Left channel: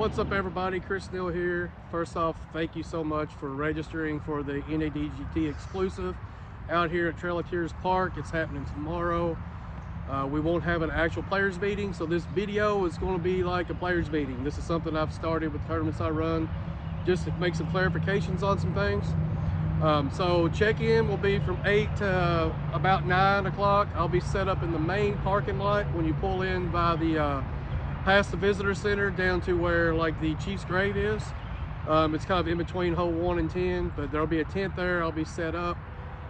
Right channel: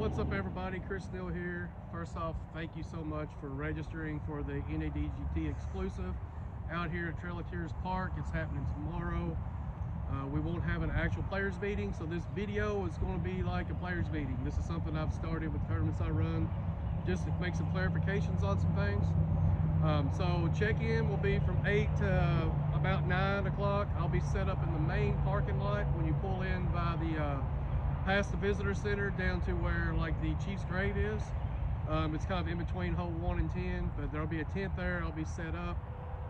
What's up, everybody? Chris Neal here. First off, thank you so much for registering for the NADGT exclusive out here at Trail Tiers Park. It's happening tomorrow. We won't have an actual players meeting, so this video is going to be like a players meeting. This is something I've started with tournaments I run, just to make some clarifications on some things. So check-in will be from 8 to about 9 o'clock. I'll be set up in the main parking lot when you pull in by the past the visitor center down to where like the Chief's grave is. It's kind of in between hole 1 and 10, but there'll be a tent there. I'll be set up.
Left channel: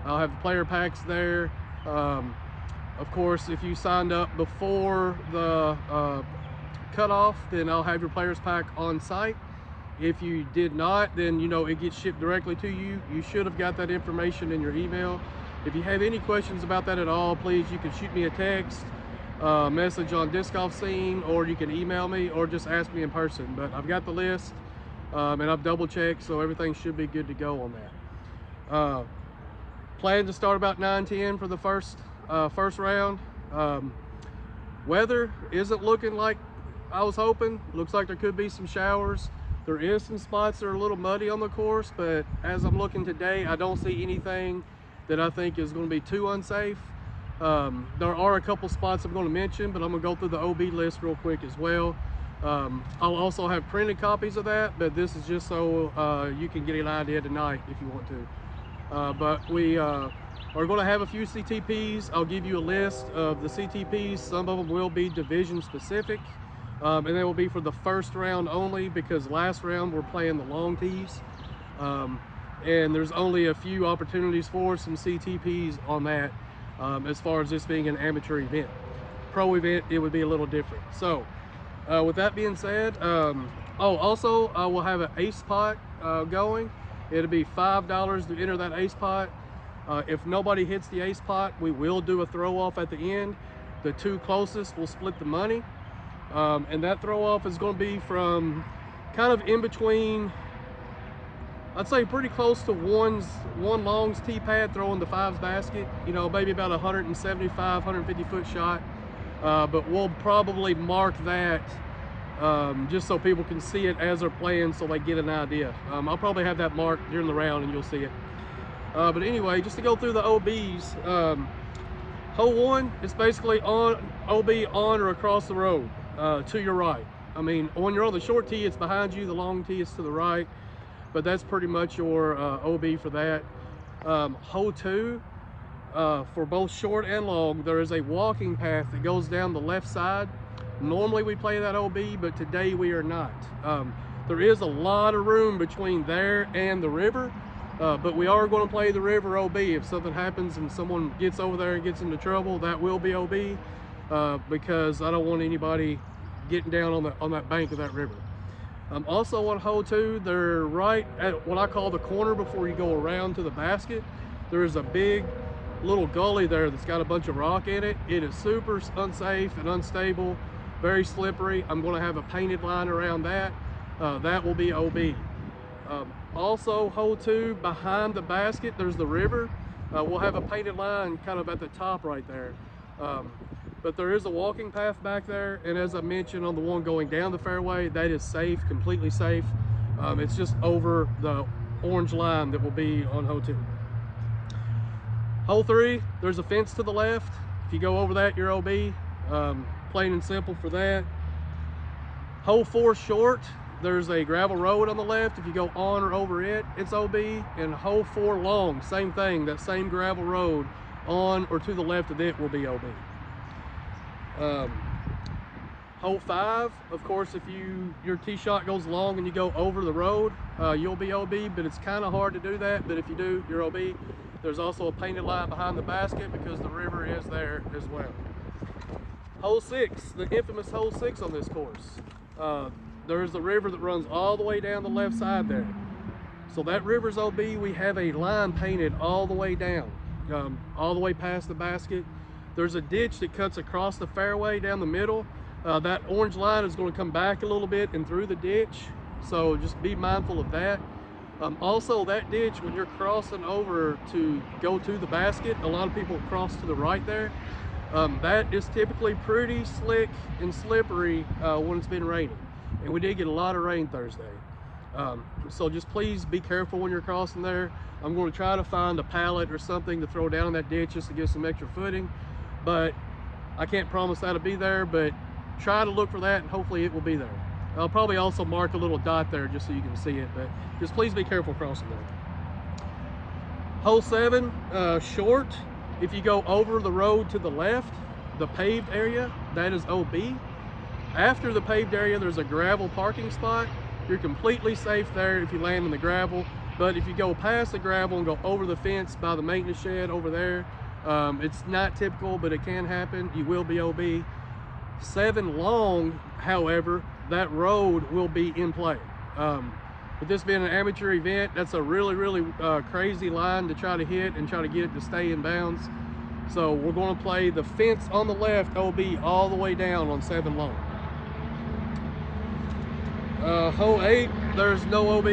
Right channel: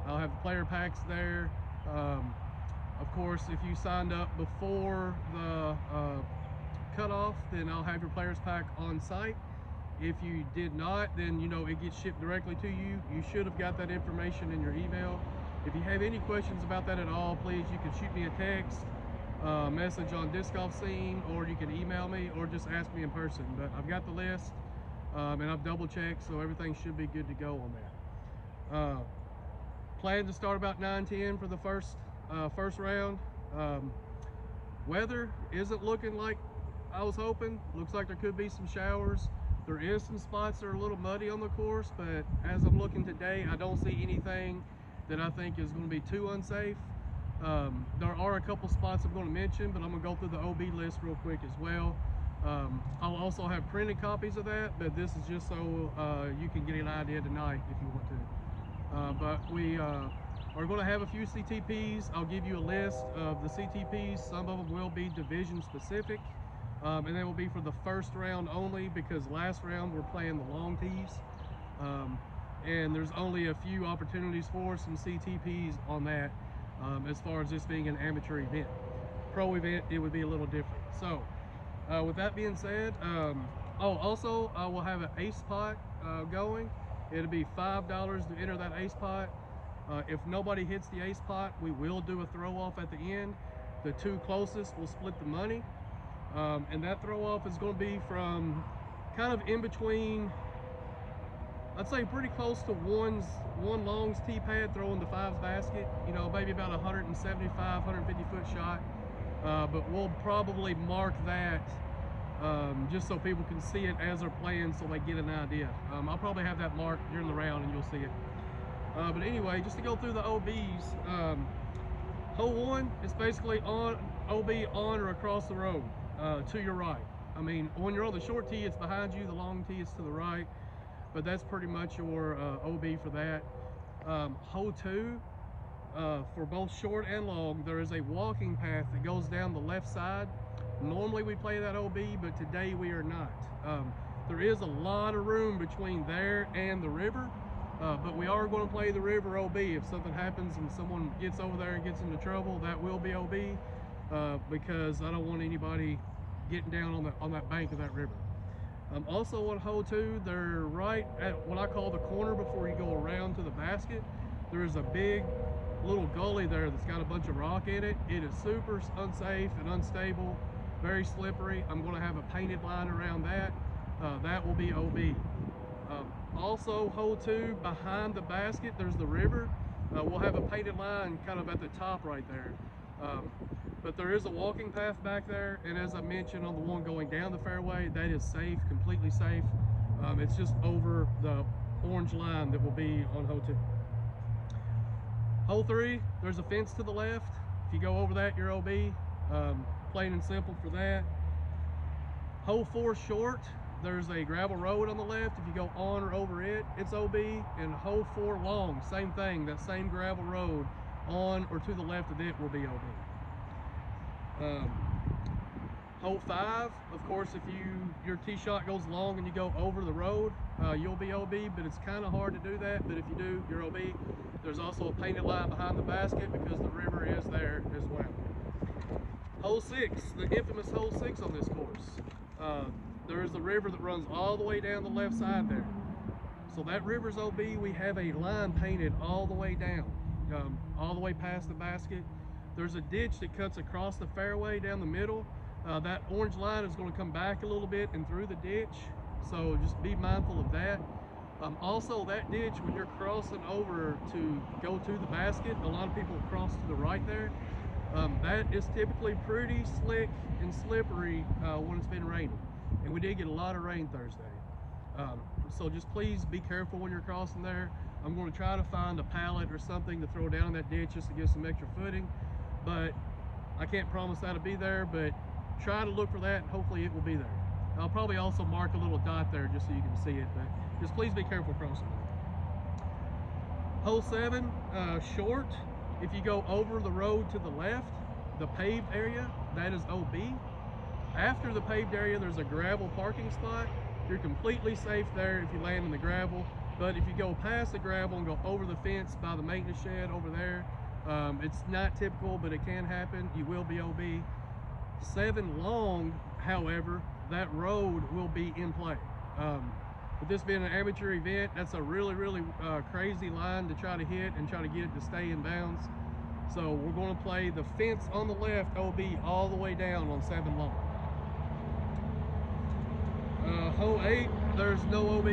I'll have the player packs there. Of course, if you signed up before the cutoff, then I'll have your players pack on site. If you did not, then you know it gets shipped directly to you. You should have got that information in your email. If you have any questions about that at all, please, you can shoot me a text, message on Disc Golf Scene, or you can email me or just ask me in person. But I've got the list and I've double checked, so everything should be good to go on that. Plan to start about 9-10 for the first round. Weather isn't looking like I was hoping. Looks like there could be some showers. There is some spots that are a little muddy on the course, but as I'm looking today, I don't see anything that I think is going to be too unsafe. There are a couple spots I'm going to mention, but I'm going to go through the OB list real quick as well. I'll also have printed copies of that, but this is just so you can get an idea tonight if you want to. But we are going to have a few CTPs. I'll give you a list of the CTPs. Some of them will be division specific. And they will be for the first round only, because last round we're playing the long tees. And there's only a few opportunities for some CTPs on that, as far as this being an amateur event. Pro event, it would be a little different. So with that being said, also I will have an ace pot going. It'll be $5 to enter that ace pot. If nobody hits the ace pot, we will do a throw off at the end. The two closest will split the money. And that throw off is going to be from kind of in between, I'd say pretty close to one longs tee pad throwing the fives basket, you know, maybe about 175, 150 foot shot. But we'll probably mark that just so people can see it as they're playing, so they get an idea. I'll probably have that marked during the round and you'll see it. But anyway, just to go through the OBs, hole 1 is basically on OB on or across the road. To your right. I mean, when you're on the short tee, it's behind you. The long tee is to the right, but that's pretty much your OB for that. Hole 2, for both short and long, there is a walking path that goes down the left side. Normally we play that OB, but today we are not. There is a lot of room between there and the river, but we are going to play the river OB. If something happens and someone gets over there and gets into trouble, that will be OB. Because I don't want anybody getting down on that bank of that river. Also on hole 2, they're right at what I call the corner before you go around to the basket. There's a big little gully there that's got a bunch of rock in it. It is super unsafe and unstable, very slippery. I'm going to have a painted line around that. That will be OB. Also hole 2, behind the basket, there's the river. We'll have a painted line kind of at the top right there. But there is a walking path back there, and as I mentioned on the one going down the fairway, that is safe, completely safe. It's just over the orange line that will be on hole 2. Hole 3, there's a fence to the left. If you go over that, you're OB. Plain and simple for that. Hole 4 short, there's a gravel road on the left. If you go on or over it, it's OB. And hole 4 long, same thing, that same gravel road on or to the left of it will be OB. Hole 5, of course, if your tee shot goes long and you go over the road, you'll be OB, but it's kind of hard to do that. But if you do, you're OB. There's also a painted line behind the basket because the river is there as well. Hole 6, the infamous hole 6 on this course. There's the river that runs all the way down the left side there. So that river's OB. We have a line painted all the way down, all the way past the basket. There's a ditch that cuts across the fairway down the middle. That orange line is going to come back a little bit and through the ditch, so just be mindful of that. Also, that ditch, when you're crossing over to go to the basket, a lot of people cross to the right there. That is typically pretty slick and slippery when it's been raining. and we did get a lot of rain Thursday. So just please be careful when you're crossing there. I'm going to try to find a pallet or something to throw down in that ditch just to give some extra footing, but I can't promise that'll be there, but try to look for that and hopefully it will be there. I'll probably also mark a little dot there just so you can see it, but just please be careful crossing there. Hole 7, short. If you go over the road to the left, the paved area, that is OB. After the paved area, there's a gravel parking spot. You're completely safe there if you land in the gravel, but if you go past the gravel and go over the fence by the maintenance shed over there, it's not typical, but it can happen. You will be OB. 7 long, however, that road will be in play. With this being an amateur event, that's a really crazy line to try to hit and try to get it to stay in bounds. So we're going to play the fence on the left OB all the way down on 7 long. Hole 8, there's no OB.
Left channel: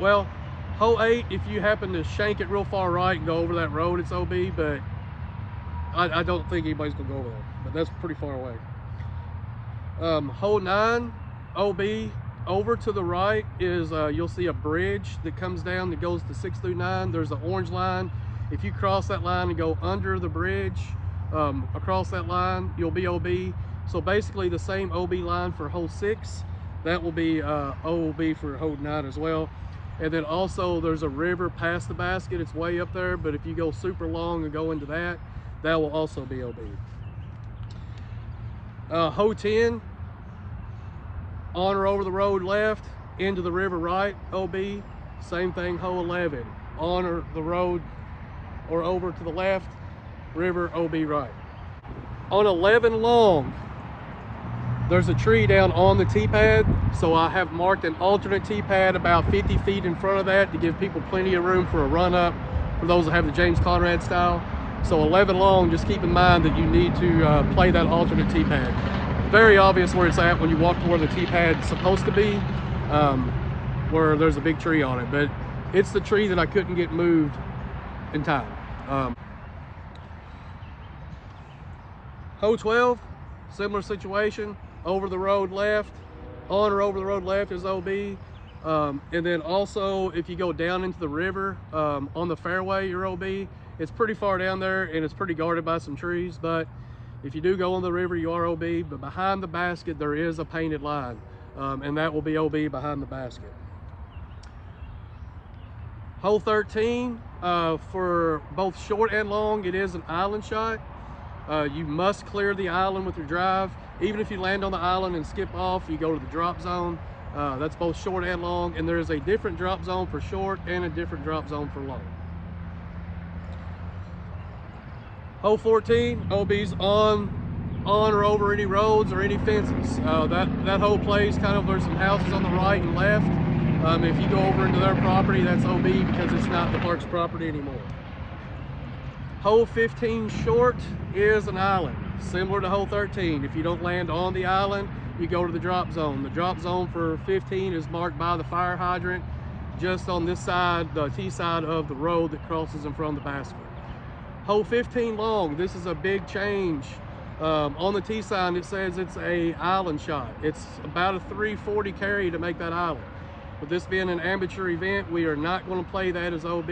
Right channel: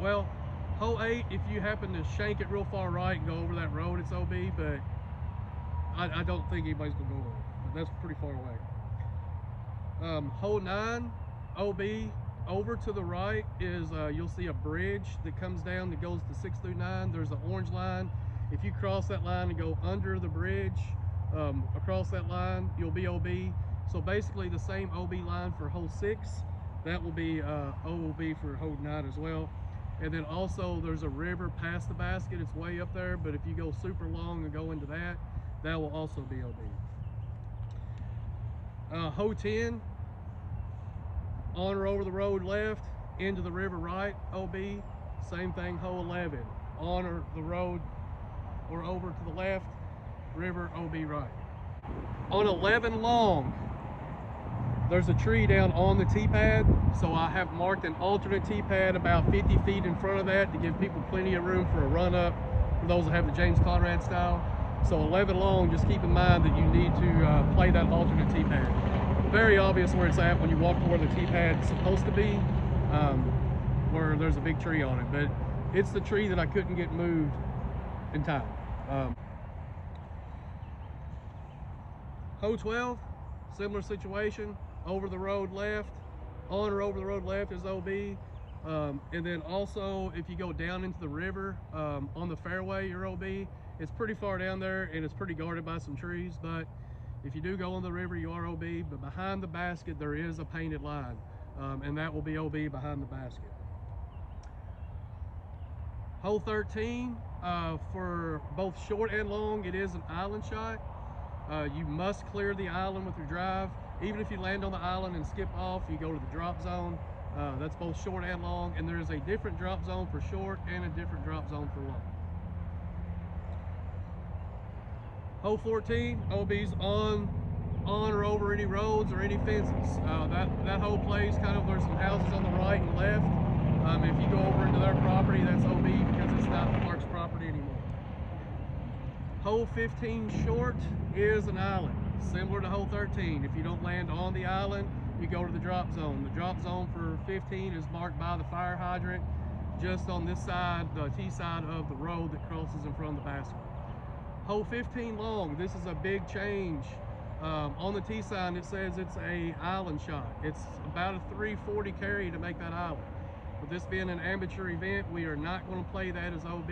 Well, hole 8, if you happen to shank it real far right and go over that road, it's OB, but I don't think anybody's gonna go over there, but that's pretty far away. Hole 9, OB, over to the right is, you'll see a bridge that comes down that goes to 6 through 9. There's an orange line. If you cross that line and go under the bridge, across that line, you'll be OB. So basically the same OB line for hole 6, that will be OB for hole 9 as well. And then also there's a river past the basket. It's way up there, but if you go super long and go into that, that will also be OB. Hole 10, on or over the road left, into the river right, OB. Same thing, hole 11, on or the road or over to the left, river, OB right. On 11 long, there's a tree down on the T-pad, so I have marked an alternate T-pad about 50 feet in front of that to give people plenty of room for a run-up, for those that have the James Conrad style. So 11 long, just keep in mind that you need to play that alternate T-pad. Very obvious where it's at when you walk to where the T-pad's supposed to be, where there's a big tree on it, but it's the tree that I couldn't get moved in time. Hole 12, similar situation. Over the road left, on or over the road left is OB. And then also if you go down into the river on the fairway, you're OB. It's pretty far down there and it's pretty guarded by some trees, but if you do go on the river, you are OB. But behind the basket, there is a painted line, and that will be OB behind the basket. Hole 13, for both short and long, it is an island shot. You must clear the island with your drive. Even if you land on the island and skip off, you go to the drop zone. That's both short and long, and there is a different drop zone for short and a different drop zone for long. Hole 14, OB's on or over any roads or any fences. That whole place, kind of, there's some houses on the right and left. If you go over into their property, that's OB because it's not the park's property anymore. Hole 15 short is an island, similar to hole 13. If you don't land on the island, you go to the drop zone. The drop zone for 15 is marked by the fire hydrant just on this side, the T side of the road that crosses in front of the basket. Hole 15 long, this is a big change. On the T sign, it says it's a island shot. It's about a 340 carry to make that island. With this being an amateur event, we are not going to play that as OB.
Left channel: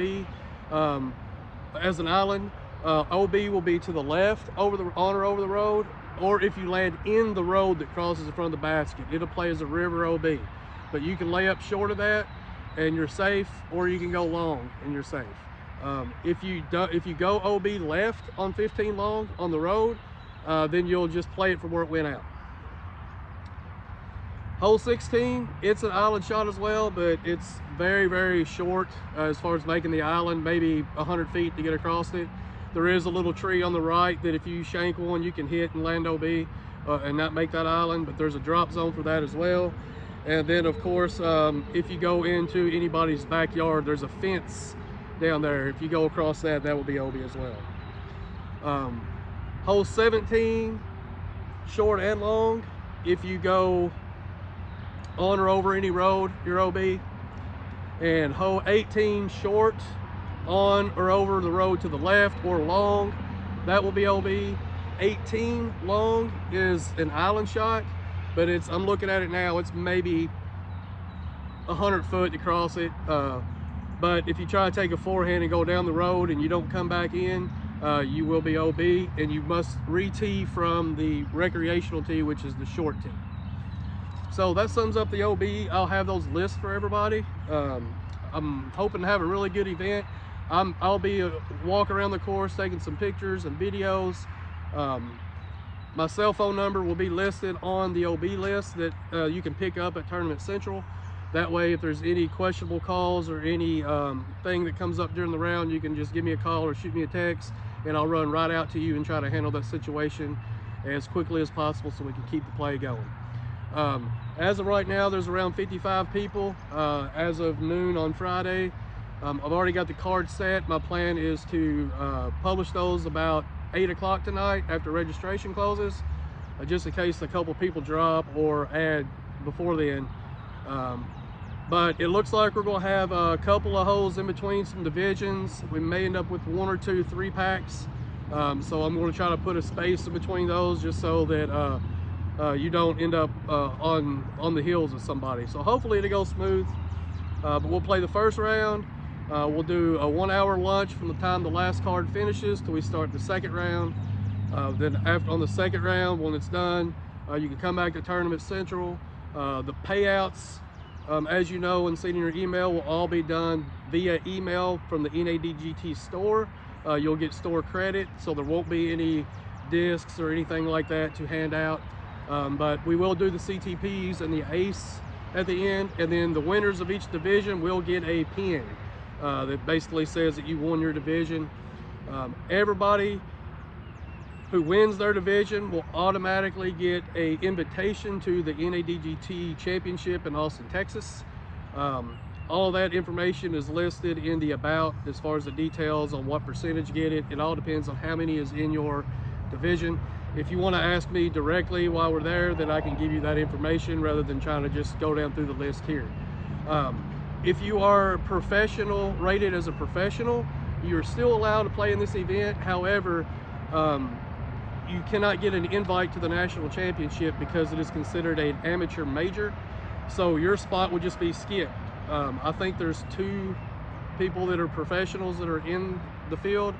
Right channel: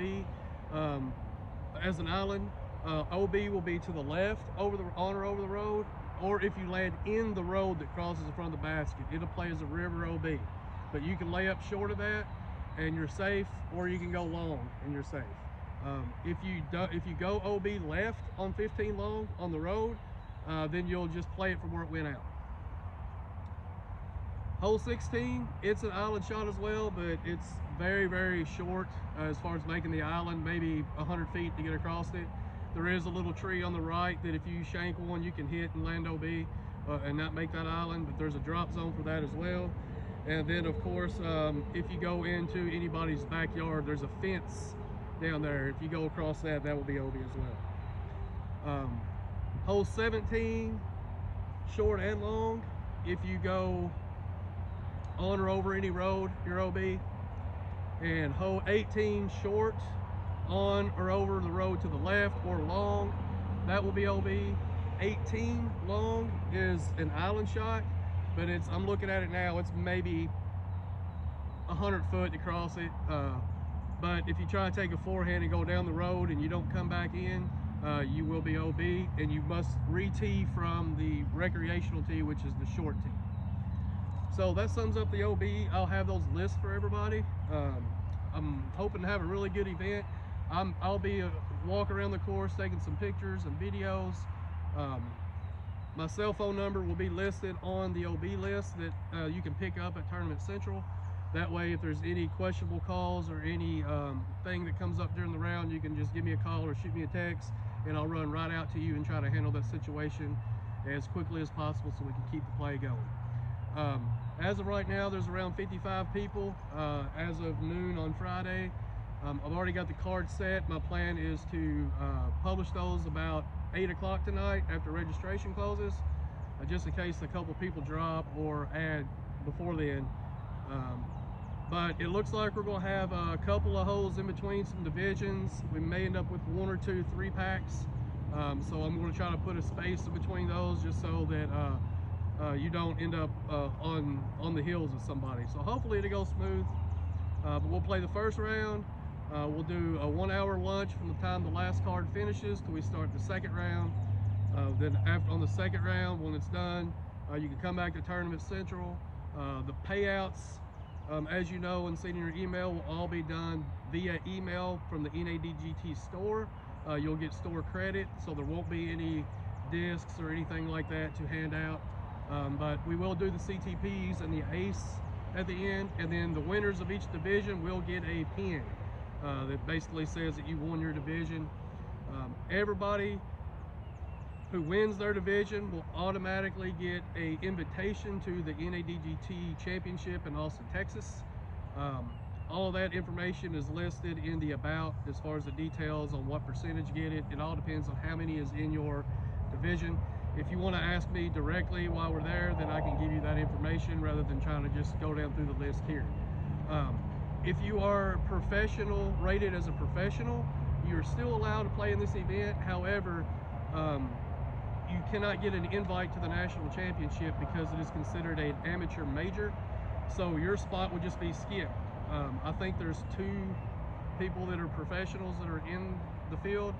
As an island, OB will be to the left, on or over the road, or if you land in the road that crosses in front of the basket, it'll play as a river OB. But you can lay up short of that and you're safe, or you can go long and you're safe. If you go OB left on 15 long on the road, then you'll just play it from where it went out. Hole 16, it's an island shot as well, but it's very short as far as making the island, maybe 100 feet to get across it. There is a little tree on the right that if you shank one, you can hit and land OB and not make that island, but there's a drop zone for that as well. And then of course, if you go into anybody's backyard, there's a fence down there. If you go across that, that will be OB as well. Hole 17, short and long. If you go on or over any road, you're OB. And hole 18, short, on or over the road to the left or long, that will be OB. 18 long is an island shot. but I'm looking at it now, it's maybe 100 foot to cross it. But if you try to take a forehand and go down the road and you don't come back in, you will be OB, and you must re-tee from the recreational tee, which is the short tee. So that sums up the OB. I'll have those lists for everybody. I'm hoping to have a really good event. I'll be walk around the course taking some pictures and videos. My cell phone number will be listed on the OB list that you can pick up at Tournament Central. That way, if there's any questionable calls or any thing that comes up during the round, you can just give me a call or shoot me a text, and I'll run right out to you and try to handle that situation as quickly as possible so we can keep the play going. As of right now, there's around 55 people as of noon on Friday. I've already got the cards set. My plan is to publish those about 8 o'clock tonight after registration closes, just in case a couple people drop or add before then. But it looks like we're going to have a couple of holes in between some divisions. We may end up with 1 or 2 3-packs. So I'm going to try to put a space in between those just so that you don't end up on the heels of somebody. So hopefully it'll go smooth. But we'll play the first round. We'll do a 1-hour lunch from the time the last card finishes till we start the second round. Then on the second round, when it's done, you can come back to Tournament Central. The payouts, as you know and seen in your email, will all be done via email from the NADGT store. You'll get store credit, so there won't be any discs or anything like that to hand out. But we will do the CTPs and the ACE at the end, and then the winners of each division will get a pin that basically says that you won your division. Everybody who wins their division will automatically get an invitation to the NADGT Championship in Austin, Texas. All that information is listed in the about as far as the details on what percentage get it. It all depends on how many is in your division. If you want to ask me directly while we're there, then I can give you that information rather than trying to just go down through the list here. If you are professional, rated as a professional, you're still allowed to play in this event. However, you cannot get an invite to the national championship because it is considered an amateur major. So your spot would just be skipped. I think there's 2 people that are professionals that are in the field.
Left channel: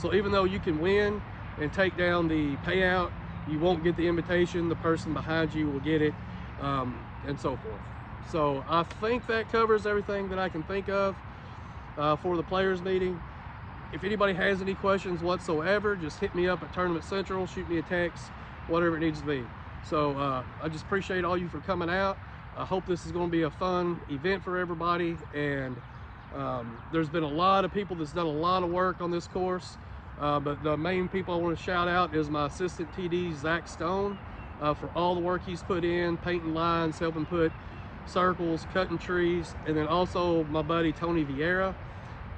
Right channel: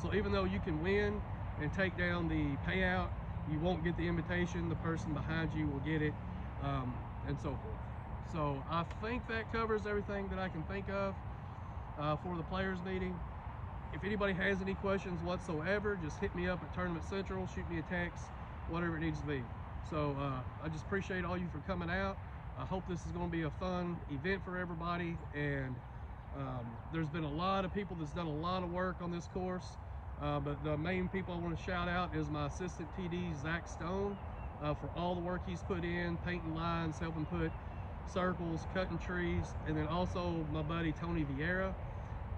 So even though you can win and take down the payout, you won't get the invitation. The person behind you will get it, and so forth. So I think that covers everything that I can think of for the players meeting. If anybody has any questions whatsoever, just hit me up at Tournament Central, shoot me a text, whatever it needs to be. So I just appreciate all you for coming out. I hope this is going to be a fun event for everybody, and there's been a lot of people that's done a lot of work on this course. But the main people I want to shout out is my assistant TD, Zach Stone, for all the work he's put in, painting lines, helping put circles, cutting trees, and then also my buddy Tony Vieira,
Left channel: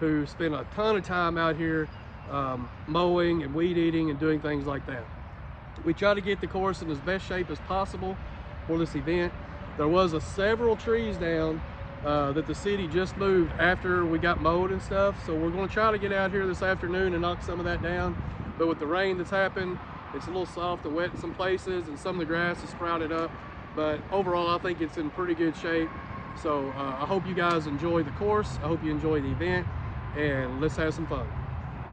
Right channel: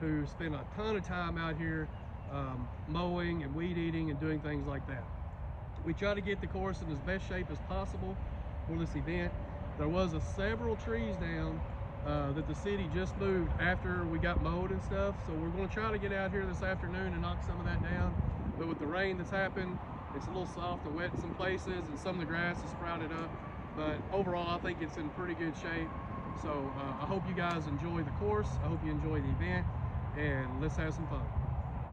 who spent a ton of time out here mowing and weed eating and doing things like that. We try to get the course in as best shape as possible for this event. There was several trees down that the city just moved after we got mowed and stuff, so we're going to try to get out here this afternoon and knock some of that down. But with the rain that's happened, it's a little soft and wet in some places, and some of the grass is sprouted up. But overall, I think it's in pretty good shape. So I hope you guys enjoy the course. I hope you enjoy the event, and let's have some fun.